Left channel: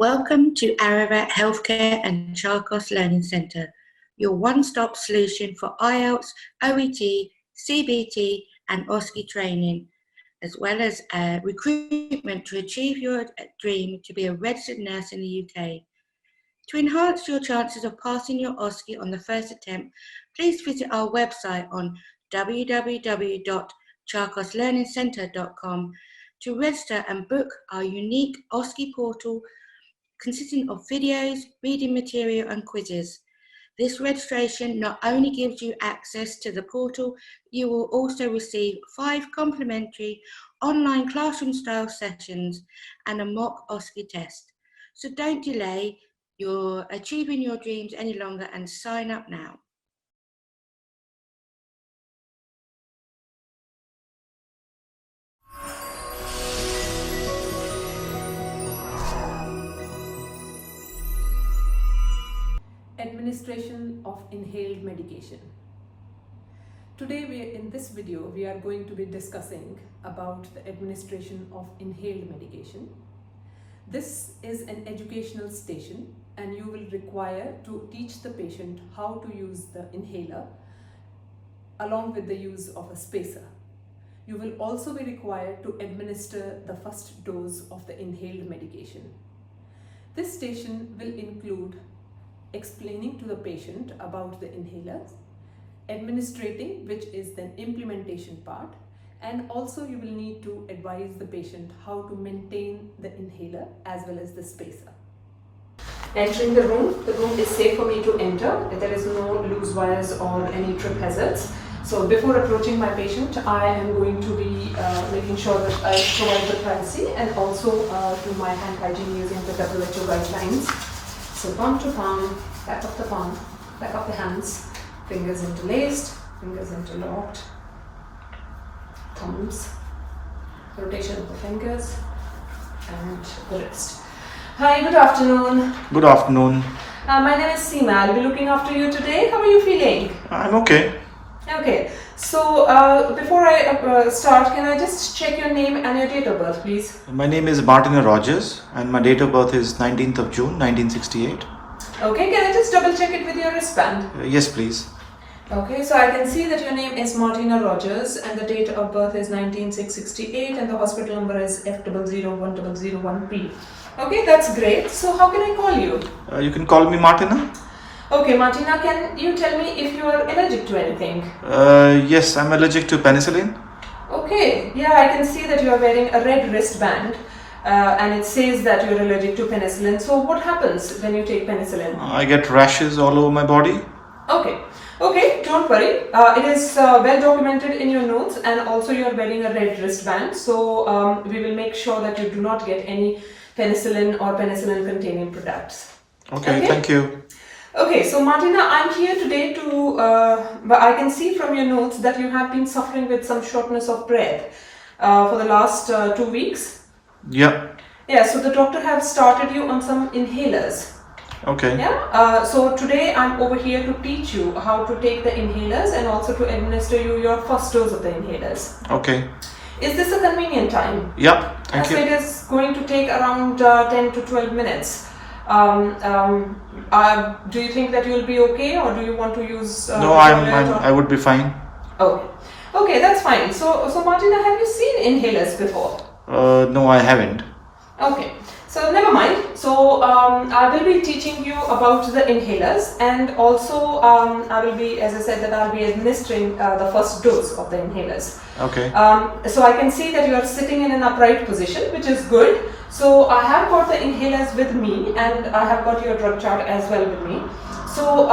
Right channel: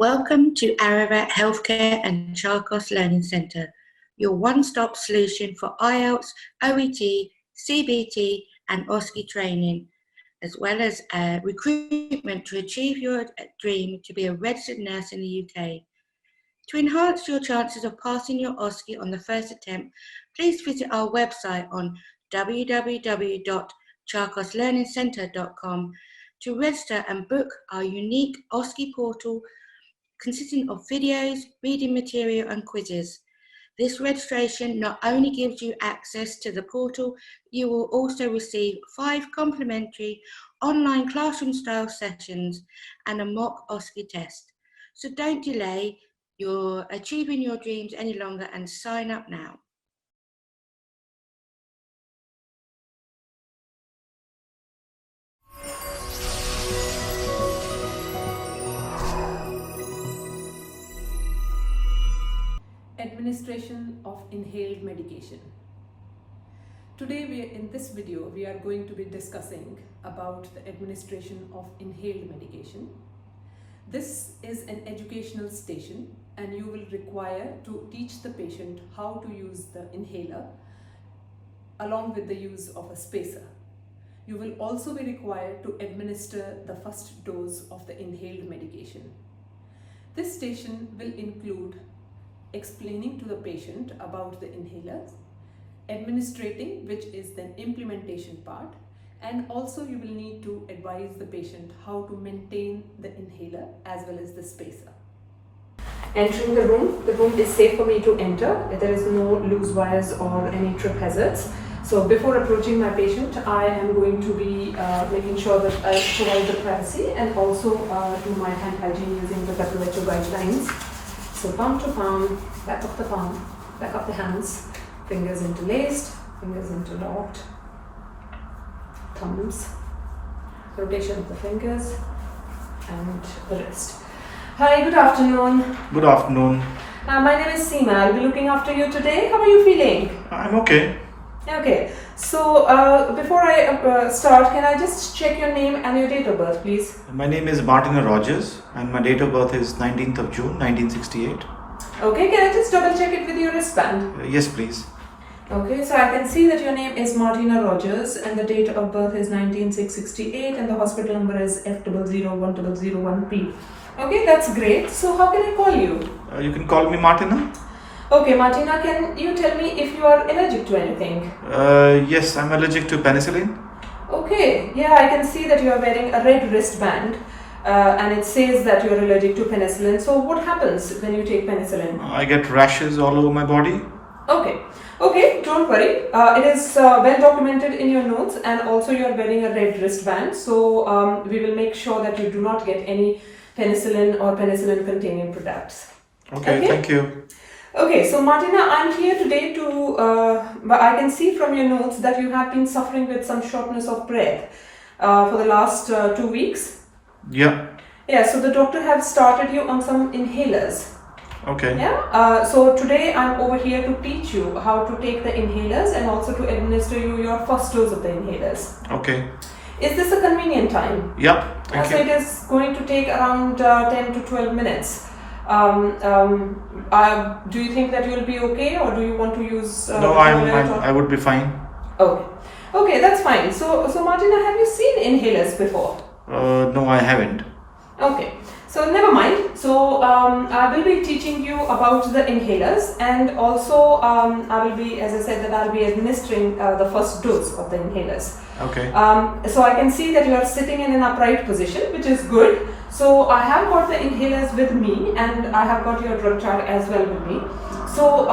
Welcome to Ararat Healthcare and Charkos Learning Centre, your one-stop solution for IELTS, OET, CBT and OSCE training, as well as recruitment to achieve your dream to be a registered nurse in the UK. To enhance your chances of passing your OSCE on the first attempt, please visit our website on www.charkoslearningcentre.com to register and book our unique OSCE portal consisting of videos, reading material and quizzes. This registration not only gives you access to the portal, you will also receive 5 complimentary online classroom-style sessions and a mock OSCE test. So don't delay, you're achieving your dreams any longer and sign up now. Administration of inhaled medication. Today in this video we are going to be discussing about the administration of inhaled medication. This is an educational station and you will require to teach the patient how to use the inhaler along with the use of a spacer. You will also be required to administer the first dose of the inhaled medication. This station will include explaining to the patient about the inhalers, administrating, which is the implementation part, and also you will need to advise the patient how to maintain the inhaler as well as the spacer. Entering the room is safe for me to enter. There is no loose wires or any trip hazards. So before approaching my patient, I am going to be making sure that I provide the privacy and also do my hand hygiene using the WHO guidelines. So palm to palm, back of the palm, back of the hands, fingers interlaced, fingers interlocked, thumbs, rotation of the fingers and the wrist. Hi, good afternoon. Good afternoon. My name is Seema. I'll be looking after you today. How are you feeling? I'm okay. Okay, so before I start, can I just check your name and your date of birth, please? My name is Martina Rogers and my date of birth is 19th of June 1968. Okay, can I just double check it with your wristband? Yes, please. Okay, so I can see that your name is Martina Rogers and the date of birth is 19668 and the hospital number is F001001P. Okay, that's great. So how can I call you? You can call me Martina. Okay, Martina, can you tell me if you are allergic to anything? Yes, I'm allergic to penicillin. Okay, yeah, I can see that you are wearing a red wristband and it says that you are allergic to penicillin. So what happens when you take penicillin? I get rashes all over my body. Okay, don't worry. It is well documented in your notes and also you are wearing a red wristband. So we will make sure that you do not get any penicillin or penicillin containing products. Okay, thank you. Okay, so Martina, I'm here today but I can see from your notes that you have been suffering with some shortness of breath for the last 2 weeks. Yeah. Yeah, so the doctor have started you on some inhalers. Okay. Yeah, so today I'm over here to teach you how to take the inhalers and also to administer you your first dose of the inhalers. Okay. Is this a convenient time? Yeah, thank you. So it is going to take around 10 to 12 minutes. Do you think that you will be okay or do you want to use... No, I would be fine. Okay, that's fine. So Martina, have you seen inhalers before? No, I haven't. Okay, so never mind. So I will be teaching you about the inhalers and also I will be, as I said, that I'll be administering the first dose of the inhalers. Okay. So I can see that you are sitting in an upright position, which is good. So I have got the inhalers with me and I have got your drug chart as well with me. So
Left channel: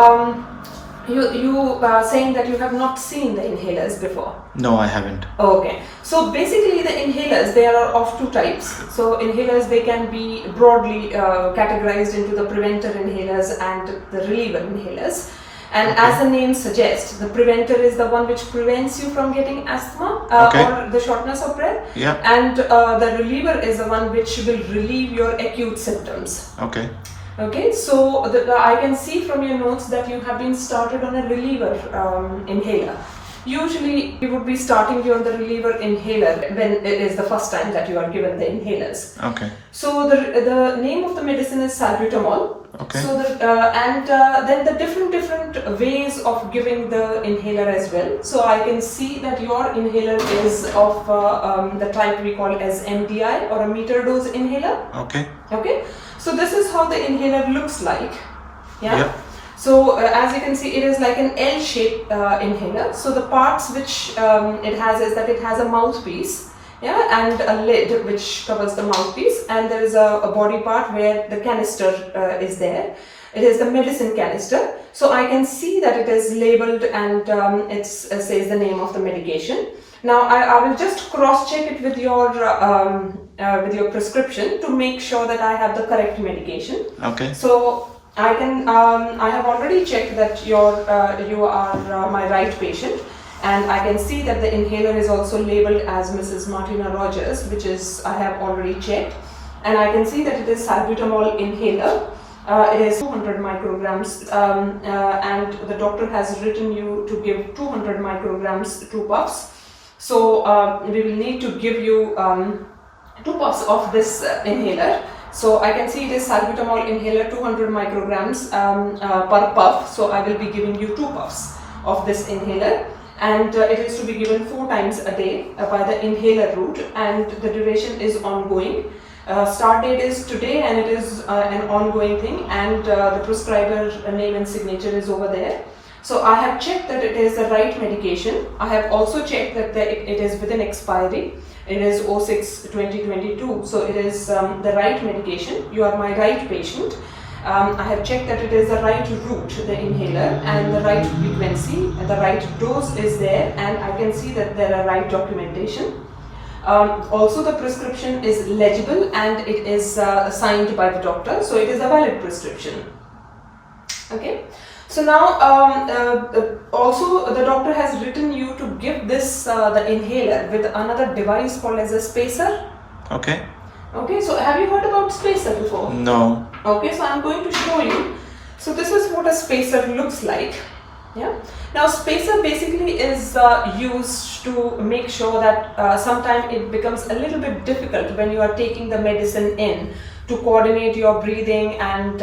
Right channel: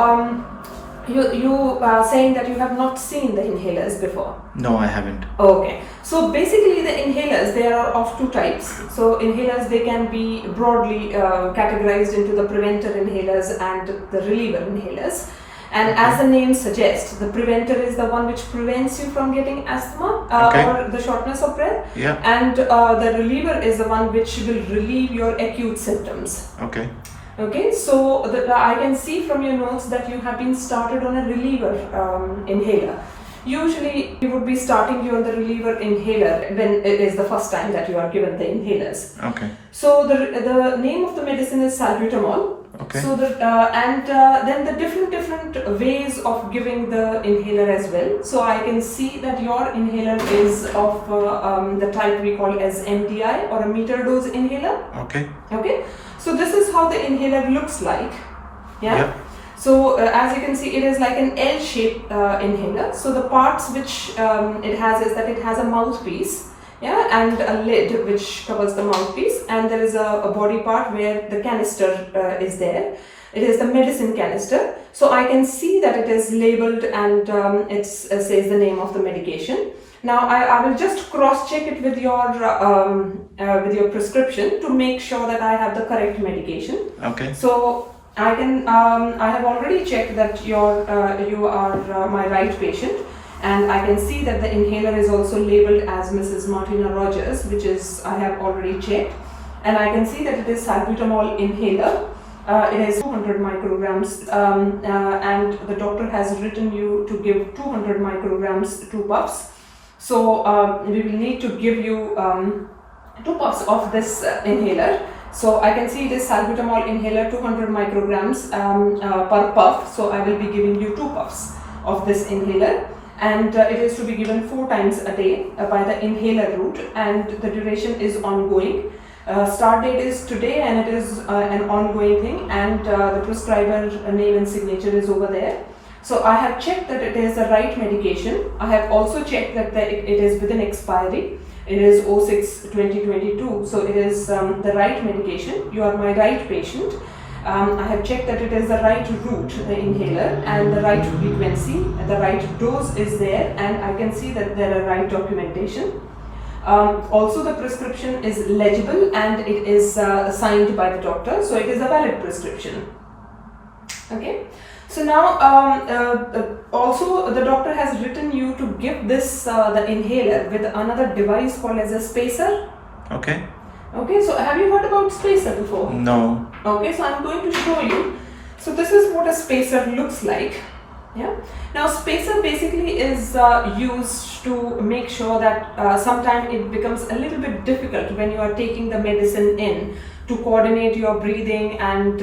you are saying that you have not seen the inhalers before? No, I haven't. Okay. So basically the inhalers, they are of 2 types. So inhalers, they can be broadly categorized into the preventer inhalers and the reliever inhalers. And as the name suggests, the preventer is the one which prevents you from getting asthma or the shortness of breath. Yeah. And the reliever is the one which will relieve your acute symptoms. Okay. Okay, so I can see from your notes that you have been started on a reliever inhaler. Usually we would be starting you on the reliever inhaler when it is the first time that you are given the inhalers. Okay. So the name of the medicine is salbutamol. Okay. So then the different ways of giving the inhaler as well. So I can see that your inhaler is of the type we call as MDI or a meter dose inhaler. Okay. Okay. So this is how the inhaler looks like. Yeah. Yep. So as you can see, it is like an L-shaped inhaler. So the parts which it has is that it has a mouthpiece, yeah, and a lid which covers the mouthpiece, and there is a body part where the canister is there. It is the medicine canister. So I can see that it is labeled and it says the name of the medication. Now I will just cross-check it with your prescription to make sure that I have the correct medication. Okay. So I have already checked that you are my right patient, and I can see that the inhaler is also labeled as Mrs. Martina Rogers, which is I have already checked, and I can see that it is salbutamol inhaler. It is 200 micrograms, and the doctor has written you to give 200 micrograms 2 puffs. So we will need to give you 2 puffs of this inhaler. So I can see it is salbutamol inhaler 200 micrograms per puff. So I will be giving you 2 puffs of this inhaler, and it is to be given 4 times a day by the inhaler route, and the duration is ongoing. Start date is today, and it is an ongoing thing, and the prescriber name and signature is over there. So I have checked that it is the right medication. I have also checked that it is within expiry. It is 06/2022, so it is the right medication. You are my right patient. I have checked that it is the right route, the inhaler, and the right frequency. The right dose is there, and I can see that there are right documentation. Also, the prescription is legible and it is signed by the doctor, so it is a valid prescription. Okay. So now, also the doctor has written you to give this the inhaler with another device called as a spacer. Okay. Okay, so have you heard about spacer before? No. Okay, so I'm going to show you. So this is what a spacer looks like. Yeah. Now spacer basically is used to make sure that sometimes it becomes a little bit difficult when you are taking the medicine in, to coordinate your breathing and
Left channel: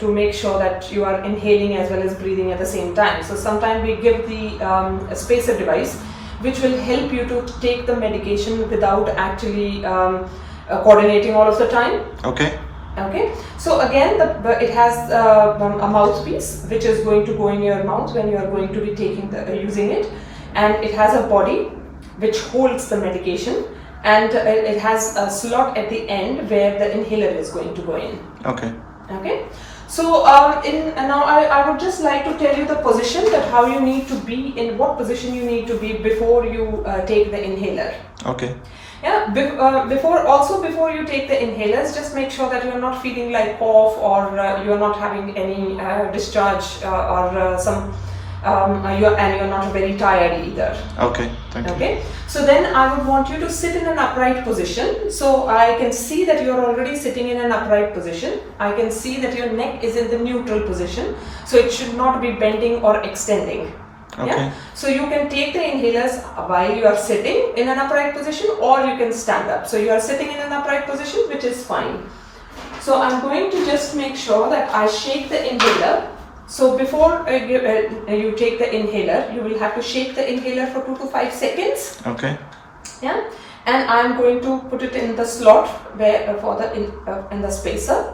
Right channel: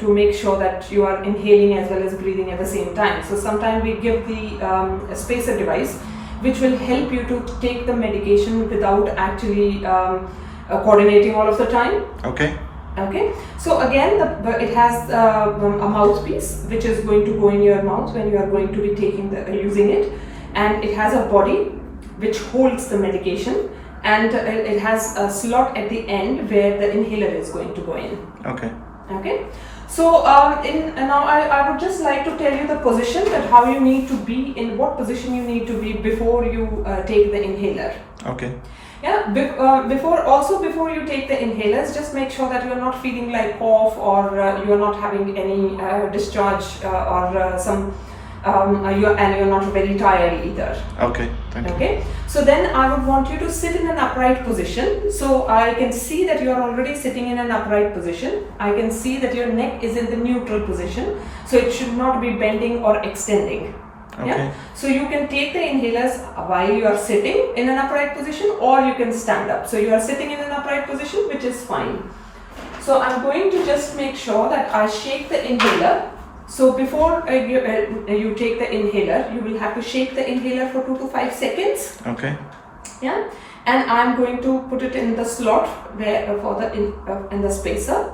to make sure that you are inhaling as well as breathing at the same time. So sometimes we give the spacer device, which will help you to take the medication without actually coordinating all of the time. Okay. Okay, so again it has a mouthpiece which is going to go in your mouth when you are going to be using it, and it has a body which holds the medication, and it has a slot at the end where the inhaler is going to go in. Okay. Okay, so now I would just like to tell you the position, that how you need to be, in what position you need to be before you take the inhaler. Okay. Yeah, before you take the inhalers, just make sure that you are not feeling like cough, or you are not having any discharge or you're not very tired either. Okay, thank you. Okay, so then I would want you to sit in an upright position. So I can see that you are already sitting in an upright position. I can see that your neck is in the neutral position, so it should not be bending or extending. Okay. Yeah? So you can take the inhalers while you are sitting in an upright position, or you can stand up. So you are sitting in an upright position, which is fine. So I'm going to just make sure that I shake the inhaler. So before you take the inhaler, you will have to shake the inhaler for 2 to 5 seconds. Okay. Yeah, and I'm going to put it in the slot where in the spacer.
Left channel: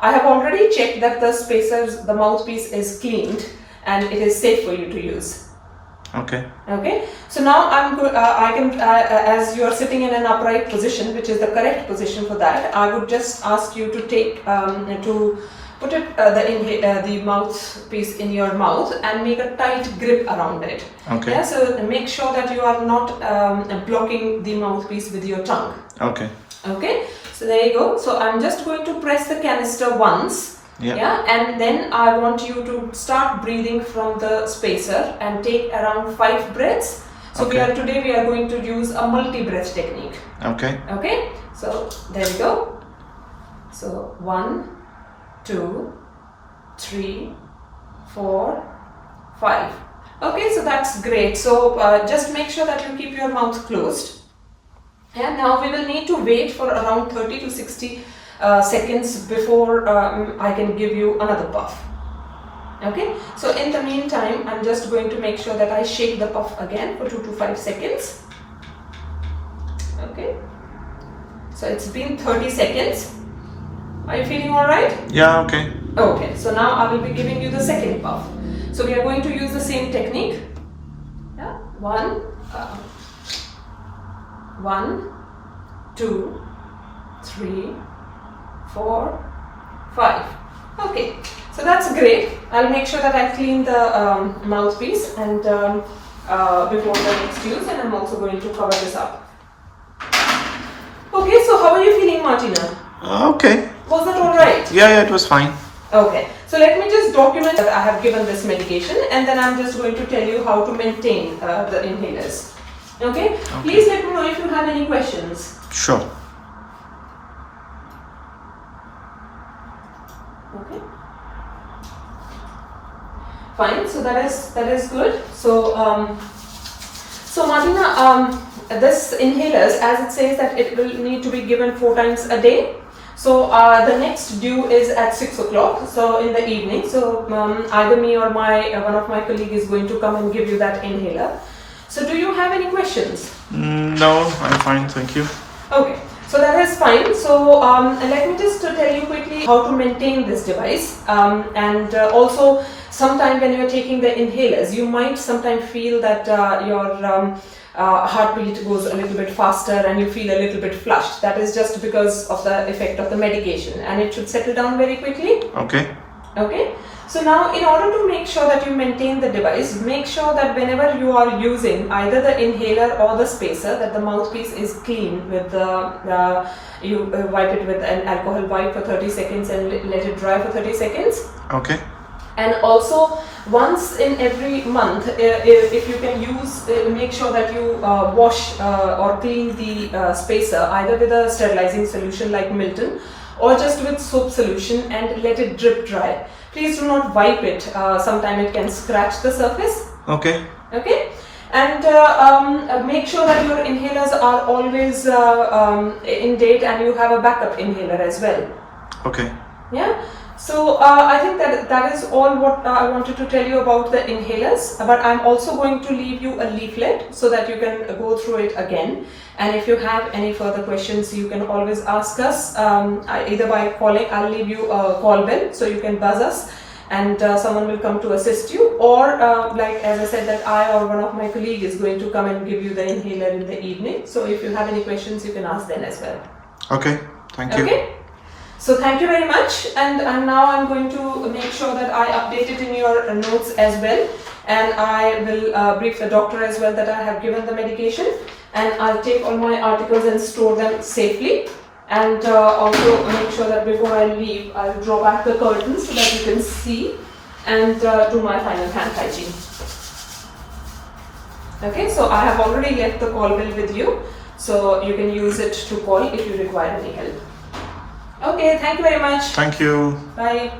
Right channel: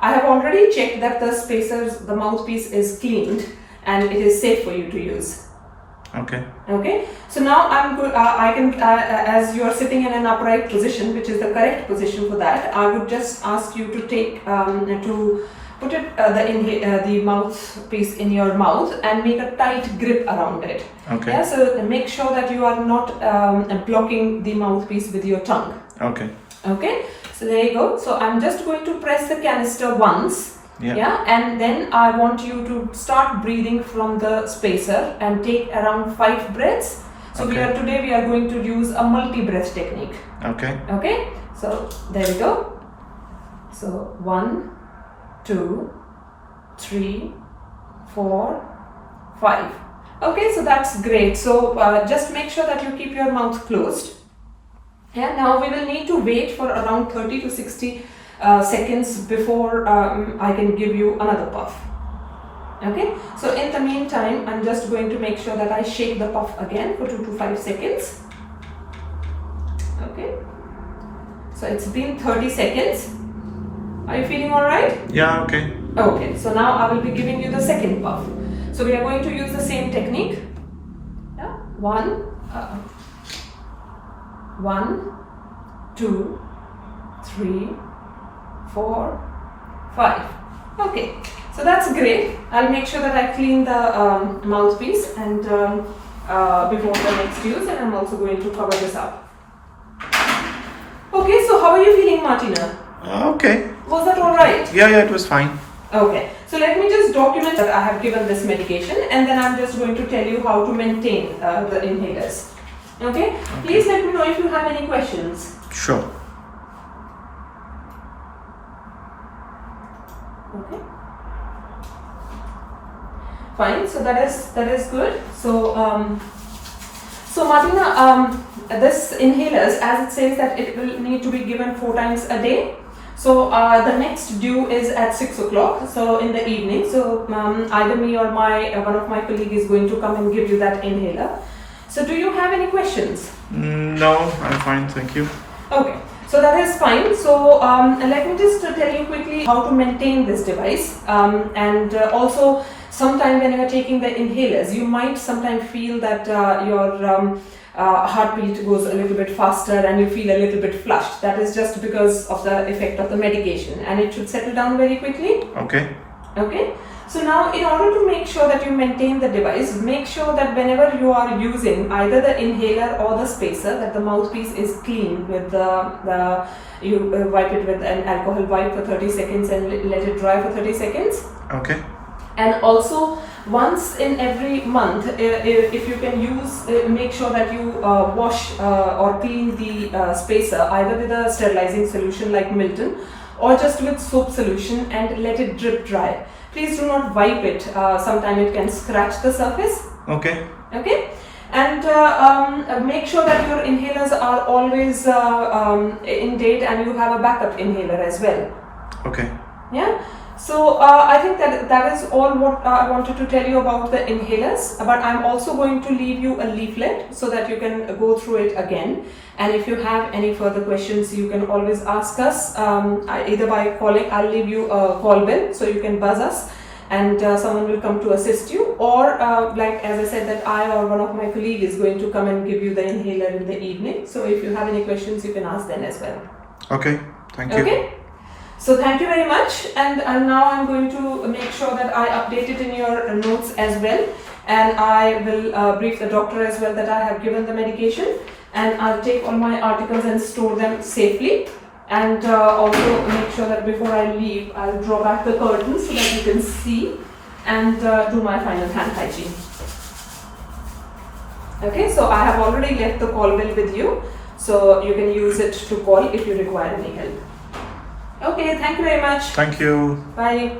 I have already checked that the mouthpiece is cleaned, and it is safe for you to use. Okay. Okay. So now I can, as you are sitting in an upright position, which is the correct position for that, I would just ask you to take to put it the mouthpiece in your mouth and make a tight grip around it. Okay. Yeah. So make sure that you are not blocking the mouthpiece with your tongue. Okay. Okay. So there you go. So I'm just going to press the canister once. Yeah. Yeah, and then I want you to start breathing from the spacer and take around 5 breaths. So Okay. today we are going to use a multi-breath technique. Okay. Okay, so there we go. So 1, 2, 3, 4, 5. Okay, so that's great. So just make sure that you keep your mouth closed. And now we will need to wait for around 30 to 60 seconds before I can give you another puff. Okay, so in the meantime, I'm just going to make sure that I shake the puff again for 2 to 5 seconds. Okay, so it's been 30 seconds. Are you feeling alright? Yeah, okay. Okay, so now I will be giving you the second puff. So we are going to use the same technique. Yeah? 1, 2, 3, 4, 5. Okay, so that's great. I'll make sure that I clean the mouthpiece and before the next use, and I'm also going to cover this up. Okay, so how are you feeling, Martina? Okay. Was that alright? Yeah, it was fine. Okay, so let me just document that I have given this medication, and then I'm just going to tell you how to maintain the inhalers. Okay? Please let me know if you have any questions. Sure. Okay. Fine. So that is good. So Martina, this inhalers, as it says that it will need to be given 4 times a day. So the next due is at 6 o'clock. So in the evening. So either me or one of my colleagues is going to come and give you that inhaler. So do you have any questions? No, I'm fine, thank you. Okay, so that is fine. So let me just tell you quickly how to maintain this device, and also sometime when you are taking the inhalers, you might sometimes feel that your heartbeat goes a little bit faster and you feel a little bit flushed. That is just because of the effect of the medication, and it should settle down very quickly. Okay. Okay. So now, in order to make sure that you maintain the device, make sure that whenever you are using either the inhaler or the spacer, that the mouthpiece is clean with you wipe it with an alcohol wipe for 30 seconds and let it dry for 30 seconds. Okay. And also, once in every month, if you can use, make sure that you wash or clean the spacer either with a sterilizing solution like Milton, or just with soap solution and let it drip dry. Please do not wipe it. Sometimes it can scratch the surface. Okay. Okay. And make sure that your inhalers are always in date, and you have a backup inhaler as well. Okay. Yeah. So I think that is all what I wanted to tell you about the inhalers, but I'm also going to leave you a leaflet so that you can go through it again. And if you have any further questions, you can always ask us either by calling. I'll leave you a call bell so you can buzz us, and someone will come to assist you, or like as I said, that I or one of my colleagues is going to come and give you the inhaler in the evening. So if you have any questions, you can ask them as well. Okay, thank you. Okay. So thank you very much, and now I'm going to make sure that I update it in your notes as well, and I will brief the doctor as well that I have given the medication, and I'll take all my articles and store them safely, and also make sure that before I leave, I'll draw back the curtains so that you can see, and do my final hand hygiene. Okay, so I have already left the call bell with you, so you can use it to call if you require any help. Okay, thank you very much. Thank you. Bye.